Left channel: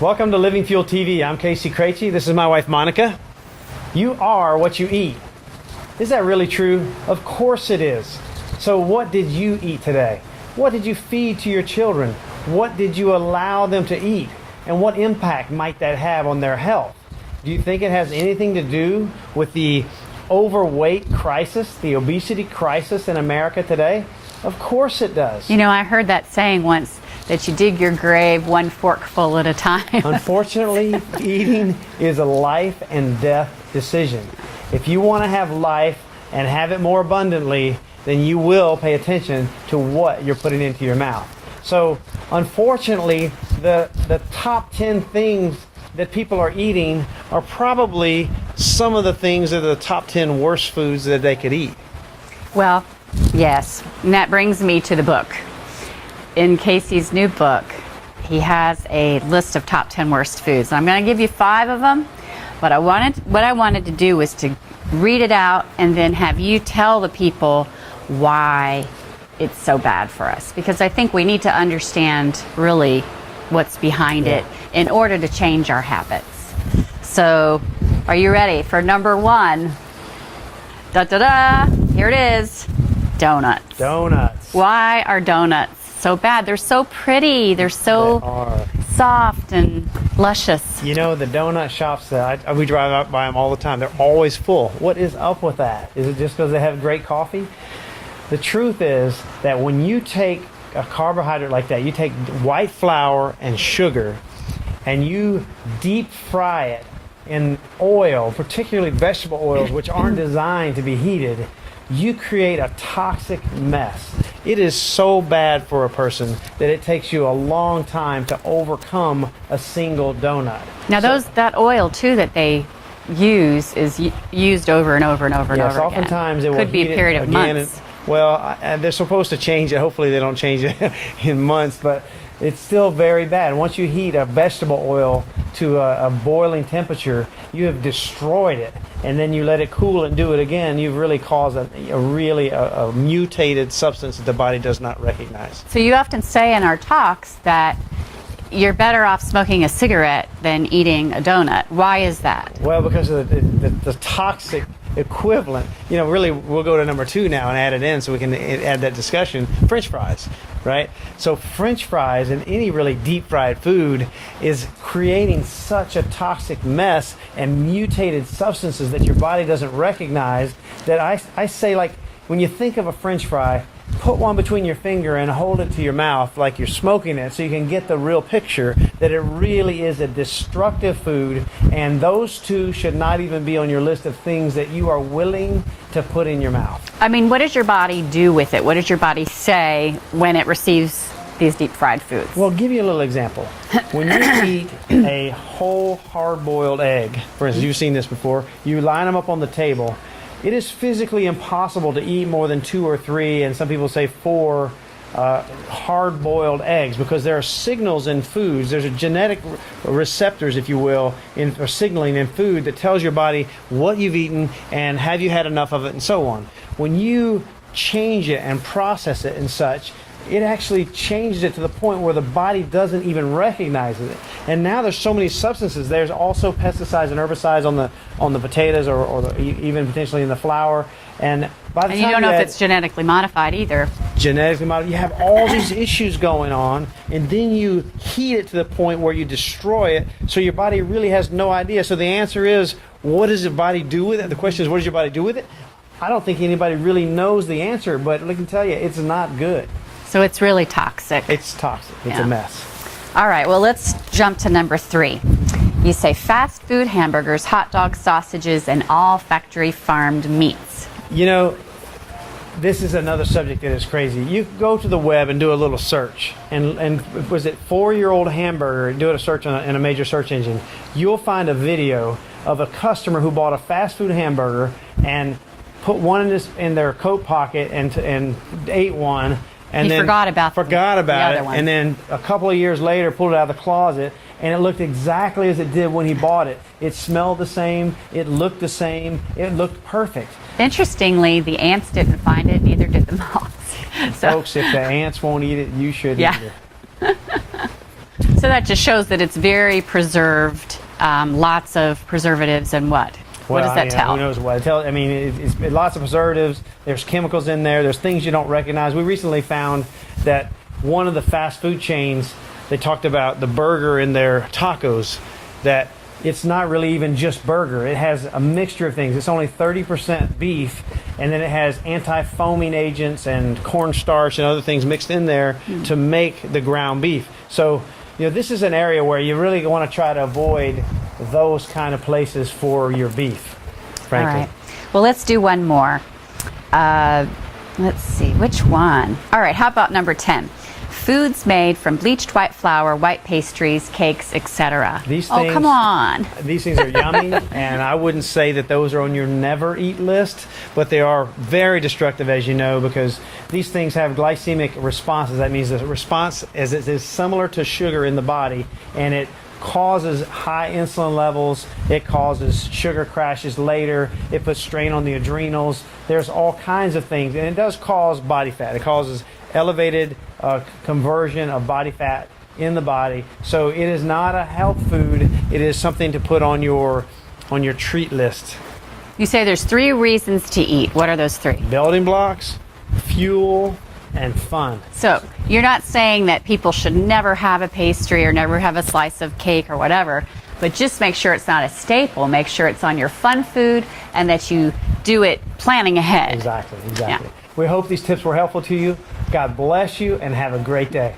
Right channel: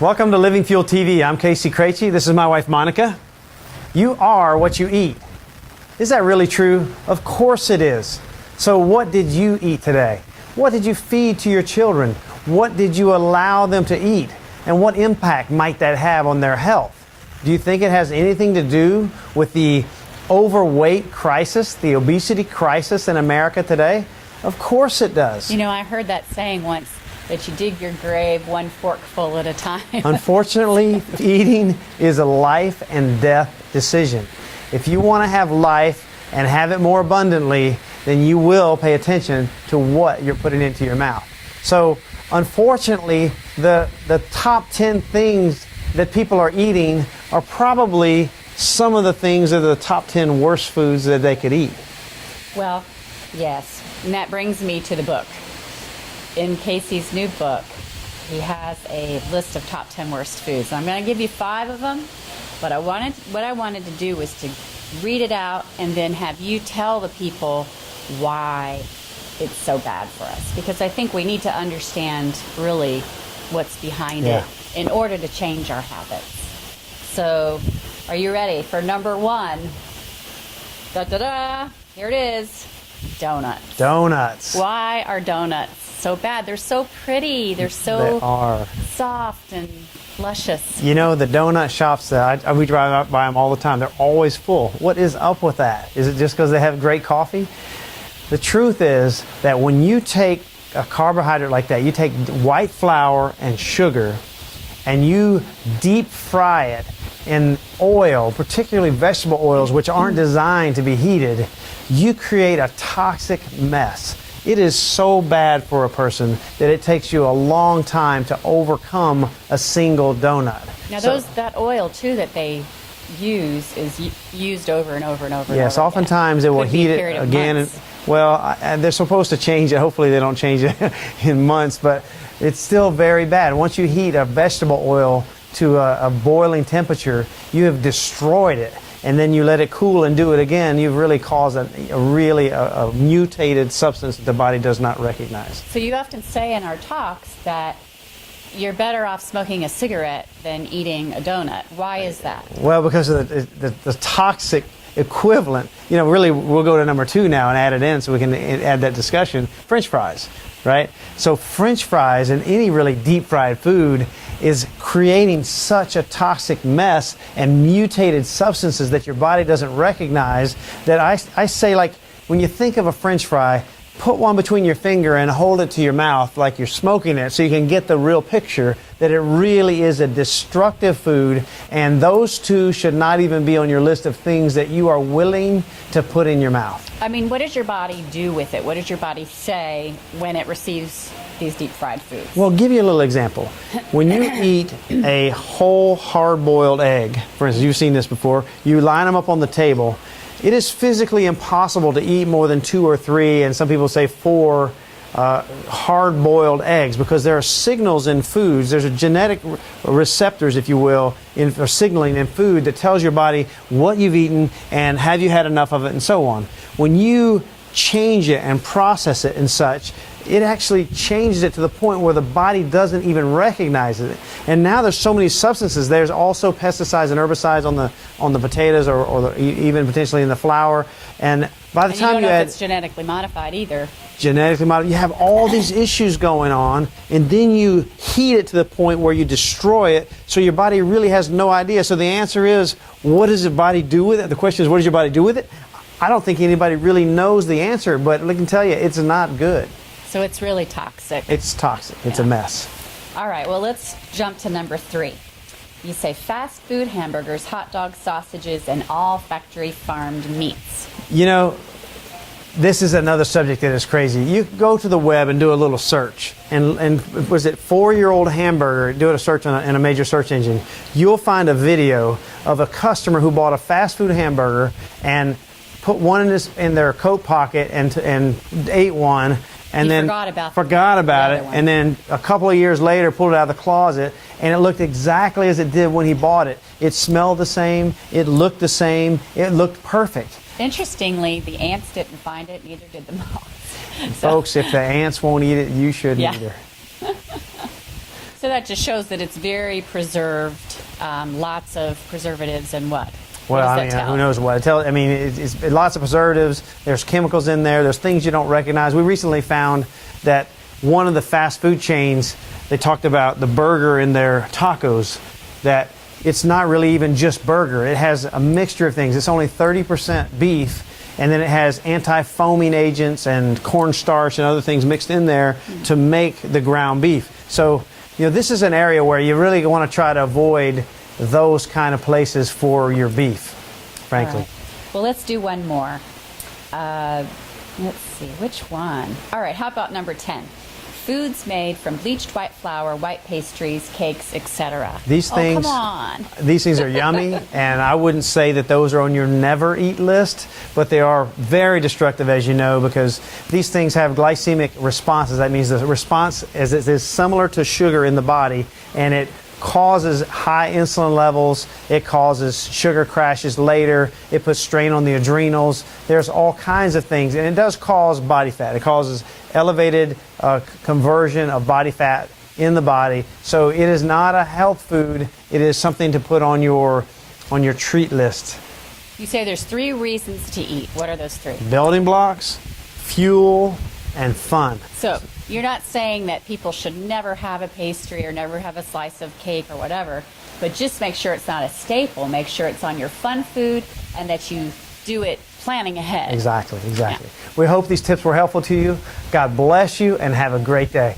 Welcome to Living Fuel TV. I'm Monica Craichy. This is my wife, Monica. You are what you eat. Is that really true? Of course it is. So what did you eat today? What did you feed to your children? What did you allow them to eat? And what impact might that have on their health? Do you think it has anything to do with the overweight crisis, the obesity crisis in America today? Of course it does. You know, I heard that saying once, that you dig your grave one forkful at a time. Unfortunately, eating is a life and death decision. If you want to have life and have it more abundantly, then you will pay attention to what you're putting into your mouth. So, unfortunately, the top 10 things that people are eating are probably some of the things that are the top 10 worst foods that they could eat. Well, yes, and that brings me to the book. In Casey's new book, he has a list of top 10 worst foods. And I'm going to give you 5 of them, but what I wanted to do was to read it out and then have you tell the people why it's so bad for us. Because I think we need to understand really what's behind it in order to change our habits. So, are you ready for number 1? Da-da-da! Here it is. Donuts. Donuts. Why are donuts so bad? They're so pretty. They're so soft and luscious. You know, the donut shops, we drive up by them all the time. They're always full. What is up with that? Is it just because they have great coffee? The truth is that when you take a carbohydrate like that, you take white flour and sugar, and you deep fry it in oil, particularly vegetable oils, which aren't designed to be heated, you create a toxic mess. It is so bad for a person that it takes you a long time to overcome a single donut. Now, that oil, too, that they use is used over and over and over and over. Yes, oftentimes it will heat it again. Well, they're supposed to change it. Hopefully they don't change it in months, but it's still very bad. Once you heat a vegetable oil to a boiling temperature, you have destroyed it. And then you let it cool and do it again, you've really caused a mutated substance that the body does not recognize. So you often say in our talks that you're better off smoking a cigarette than eating a donut. Why is that? Well, because of the toxic equivalent. You know, really, we'll go to number 2 now and add it in so we can add that discussion. French fries, right? So French fries and any really deep fried food is creating such a toxic mess and mutated substances that your body doesn't recognize that I say, like, when you think of a French fry, put one between your finger and hold it to your mouth like you're smoking it so you can get the real picture that it really is a destructive food, and those 2 should not even be on your list of things that you are willing to put in your mouth. I mean, what does your body do with it? What does your body say when it receives these deep fried foods? Well, I'll give you a little example. When you eat a whole hard-boiled egg, for instance, you've seen this before, you line them up on the table. It is physically impossible to eat more than 2 or 3, and some people say 4 hard-boiled eggs, because there are signals in foods. There's a genetic receptors, if you will, or signaling in food that tells your body what you've eaten and have you had enough of it and so on. When you change it and process it and such, it actually changes it to the point where the body doesn't even recognize it. And now there's so many substances. There's also pesticides and herbicides on the potatoes or even potentially in the flour. And by the time you don't know if it's genetically modified either. Genetically modified. You have all these issues going on, and then you heat it to the point where you destroy it, so your body really has no idea. So the answer is, what does your body do with it? The question is, what does your body do with it? I don't think anybody really knows the answer, but I can tell you, it's not good. So it's really toxic. It's toxic. It's a mess. All right, well, let's jump to number 3. You say fast food hamburgers, hot dogs, sausages, and all factory farmed meats. You know, this is another subject that is crazy. You go to the web and do a little search, and was it 4-year-old hamburger, do a search in a major search engine, you'll find a video of a customer who bought a fast food hamburger and put one in their coat pocket and ate one, and then forgot about it, and then a couple of years later pulled it out of the closet, and it looked exactly as it did when he bought it. It smelled the same, it looked the same, it looked perfect. Interestingly, the ants didn't find it, neither did the moths. So, folks, if the ants won't eat it, you shouldn't either. So that just shows that it's very preserved, lots of preservatives and what? What does that tell? Who knows what it tells? I mean, it's lots of preservatives. There's chemicals in there. There's things you don't recognize. We recently found that one of the fast food chains, they talked about the burger in their tacos, that it's not really even just burger. It has a mixture of things. It's only 30% beef, and then it has anti-foaming agents and cornstarch and other things mixed in there to make the ground beef. So, this is an area where you really want to try to avoid those kind of places for your beef, frankly. All right. Well, let's do one more. Let's see, which one? All right, how about number 10? Foods made from bleached white flour, white pastries, cakes, etc. These things, come on. These things are yummy, and I wouldn't say that those are on your never eat list, but they are very destructive, as you know, because these things have glycemic responses. That means the response is similar to sugar in the body, and it causes high insulin levels. It causes sugar crashes later. It puts strain on the adrenals. There's all kinds of things, and it does cause body fat. It causes elevated conversion of body fat in the body. So it is not a health food. It is something to put on your treat list. You say there's 3 reasons to eat. What are those 3? Building blocks, fuel, and fun. So you're not saying that people should never have a pastry or never have a slice of cake or whatever, but just make sure it's not a staple. Make sure it's on your fun food and that you do it planning ahead. Exactly. Yeah. We hope these tips were helpful to you. God bless you and have a great day.